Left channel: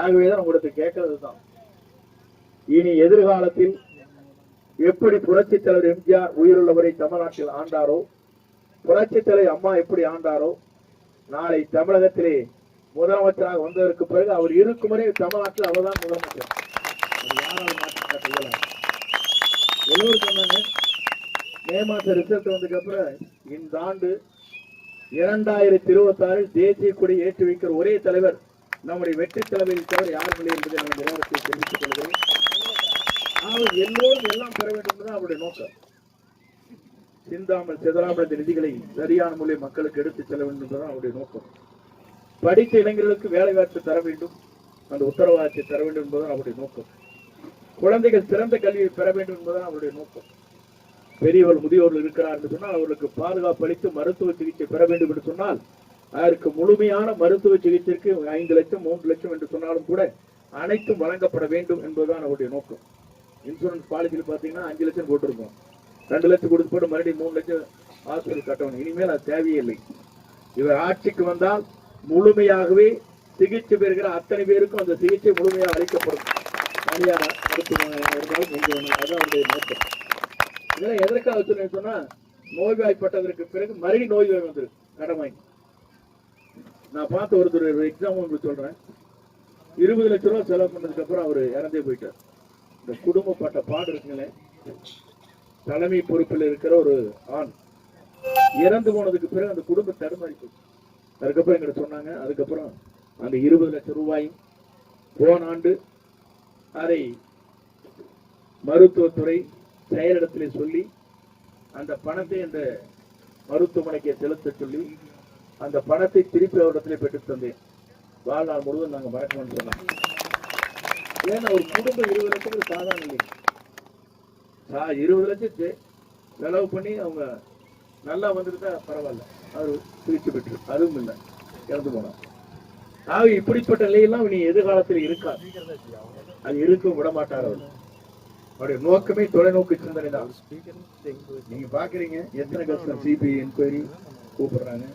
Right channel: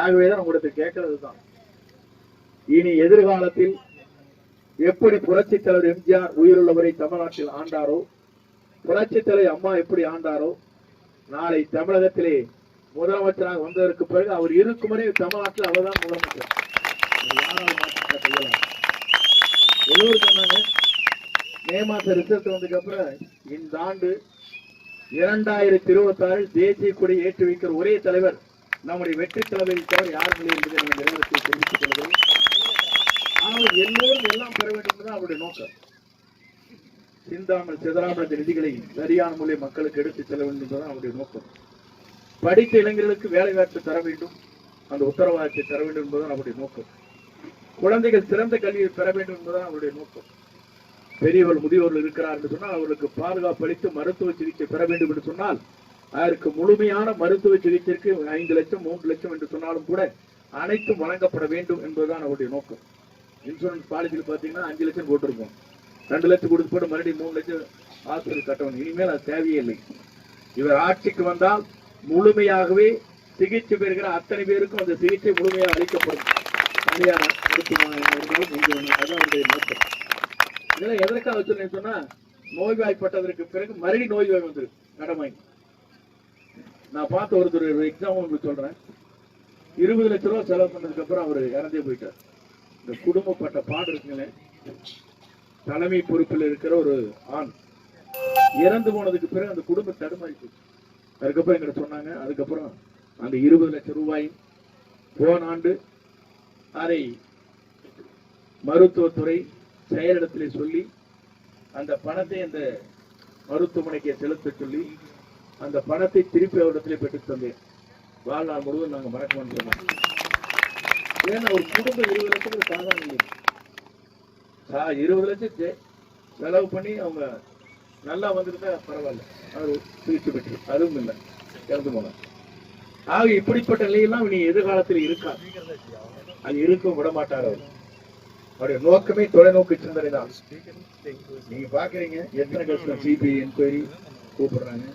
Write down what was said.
ஆகவேதான் உங்களுக்கு கேட்கறது தான், இனி எதிர்காலத்தில் எப்படி புரட்சி தலைவர் எம்ஜிஆர் உயிருள்ளவரை தமிழ்நாட்டில் ஆண்டாரோ, புரட்சி தலைவர் அம்மா எப்படி ஆண்டாரோ, நாளை தமிழகத்திலே முதலமைச்சராக வந்ததற்கு பிறகு அவர் இருக்கும் வரை தமிழ்நாட்டில் அவர்தான் முதலமைச்சர். எல்லோரும் சொன்னாங்க மே மாசம் ரிசல்ட் வந்ததுக்கு அப்புறம் இந்த ஆண்டு 2026 தேசிய கொடி ஏற்றி வைக்கிற ஒரே தலைவர் நம்முடைய வெற்றி தலைவரை தவிர யாரும் இல்லை என்பதை நம்ம நிறுவனத்தில் தெரிவித்துக் கொள்கிறோம். ஆனால் எல்லோரும் எல்லாம் பெற வேண்டும் என்பதுதான் அவருடைய நோக்கம். சிந்தாமல் சிதறாமல் இந்த நிதிகளை சரியான முறையில் மக்களுக்கு எடுத்துச் செல்ல வேண்டும் என்பதுதான் அவருடைய நோக்கம். படித்த இளைஞர்களுக்கு வேலை வாய்ப்பு தர வேண்டும், அந்த உத்தரவாதத்தை தர வேண்டும் என்பதுதான் அவருடைய நோக்கம். குழந்தைகள் சிறந்த கல்வியை பெற வேண்டும் என்பதுதான் அவருடைய நோக்கம். பெரியவர்கள் முதியோர்கள் இருக்கிறார் என்று சொன்னால் அவர்களுக்கு பாதுகாப்பு அளித்து மருத்துவ சிகிச்சை பெற வேண்டும் என்று சொன்னால் அதற்கு முழுமையான மருத்துவ சிகிச்சைக்கு 5 லட்சம் 3 லட்சம் என்று சொன்னாலும் கூட அனைத்தும் வழங்கப்பட வேண்டும் என்பதுதான் அவருடைய நோக்கம். இன்சூரன்ஸ் பாலிசியில் பார்த்தீங்கன்னா 5 லட்சம் போட்டிருக்கோம், 2 லட்சம் கொடுத்து போட்டு மறுபடியும் 3 லட்சம் ஹாஸ்பிட்டல் கட்டணும். இனிமேல் அது தேவையே இல்லை. இவர் ஆட்சிக்கு வந்தால் முழுமையாகவே சிகிச்சை பெறுகிற அத்தனை பேருக்கும் அந்த சிகிச்சை முழுமையாக அளிக்கப்படும். தனியார் மருத்துவமனை இருந்தாலும் அதுதான் அவருடைய நோக்கம். இதெல்லாம் எதற்காக வச்சுருந்தேன்னு சொன்னா, நோய்வாய்ப்பட்டதற்கு பிறகு மறுபடி நோய்வாய் வந்துருக்கு கடமை. நான் பார்த்த ஒருத்தர் எக்ஸாம் உங்களுக்கு சொல்றேன், 20 லட்சம் ரூபாய் செலவு பண்ணதுக்கு அப்புறம் அவர் இறந்தே போயிட்டார். இந்த குடும்பப்பட்ட பாடு இருக்குங்களே, தலைமை பொறுப்பில் இருக்கிற ஒரு ஆண் இறந்து போனதுக்கு பிறகு அந்த குடும்பம் தடுமாறி போச்சு. அதுக்கப்புறம் எங்கிட்ட சொன்னாங்க, அதுக்கப்புறம் அந்த 20 லட்சம் ரூபாய் போன ஆண்டு அதை மருத்துவத்துறை செயலிடத்திலே சொல்லி அந்த பணத்தை அந்த மருத்துவமனைக்கு செலுத்த சொல்லி அந்த பணத்தை திருப்பி அவரிடத்திலே பெற்று தந்தேன். வாழ்நாள் முழுவதும் நாங்கள் மறக்கணும்னு சொன்னோம். ஏன்னா ஒரு குடும்பம் 20 லட்சம் சாதாரண இல்லை. 20 லட்சத்தை செலவு பண்ணி அவங்க நல்லா வந்துருந்தா பரவாயில்ல, அவர் சிகிச்சை பெற்று அதுவும் இல்லை, இறந்து போனோம். ஆக இப்படிப்பட்ட நிலையெல்லாம் இனி எதிர்காலத்தில் இருக்காது, அது இருக்க விட மாட்டார். அவருடைய நோக்கமே தொலைநோக்கு சிந்தனை தான். நீங்க பாக்குறீங்க எத்தனை கஷ்டம் சிபிஐ என்கொயரி கூப்பிடுறாங்க.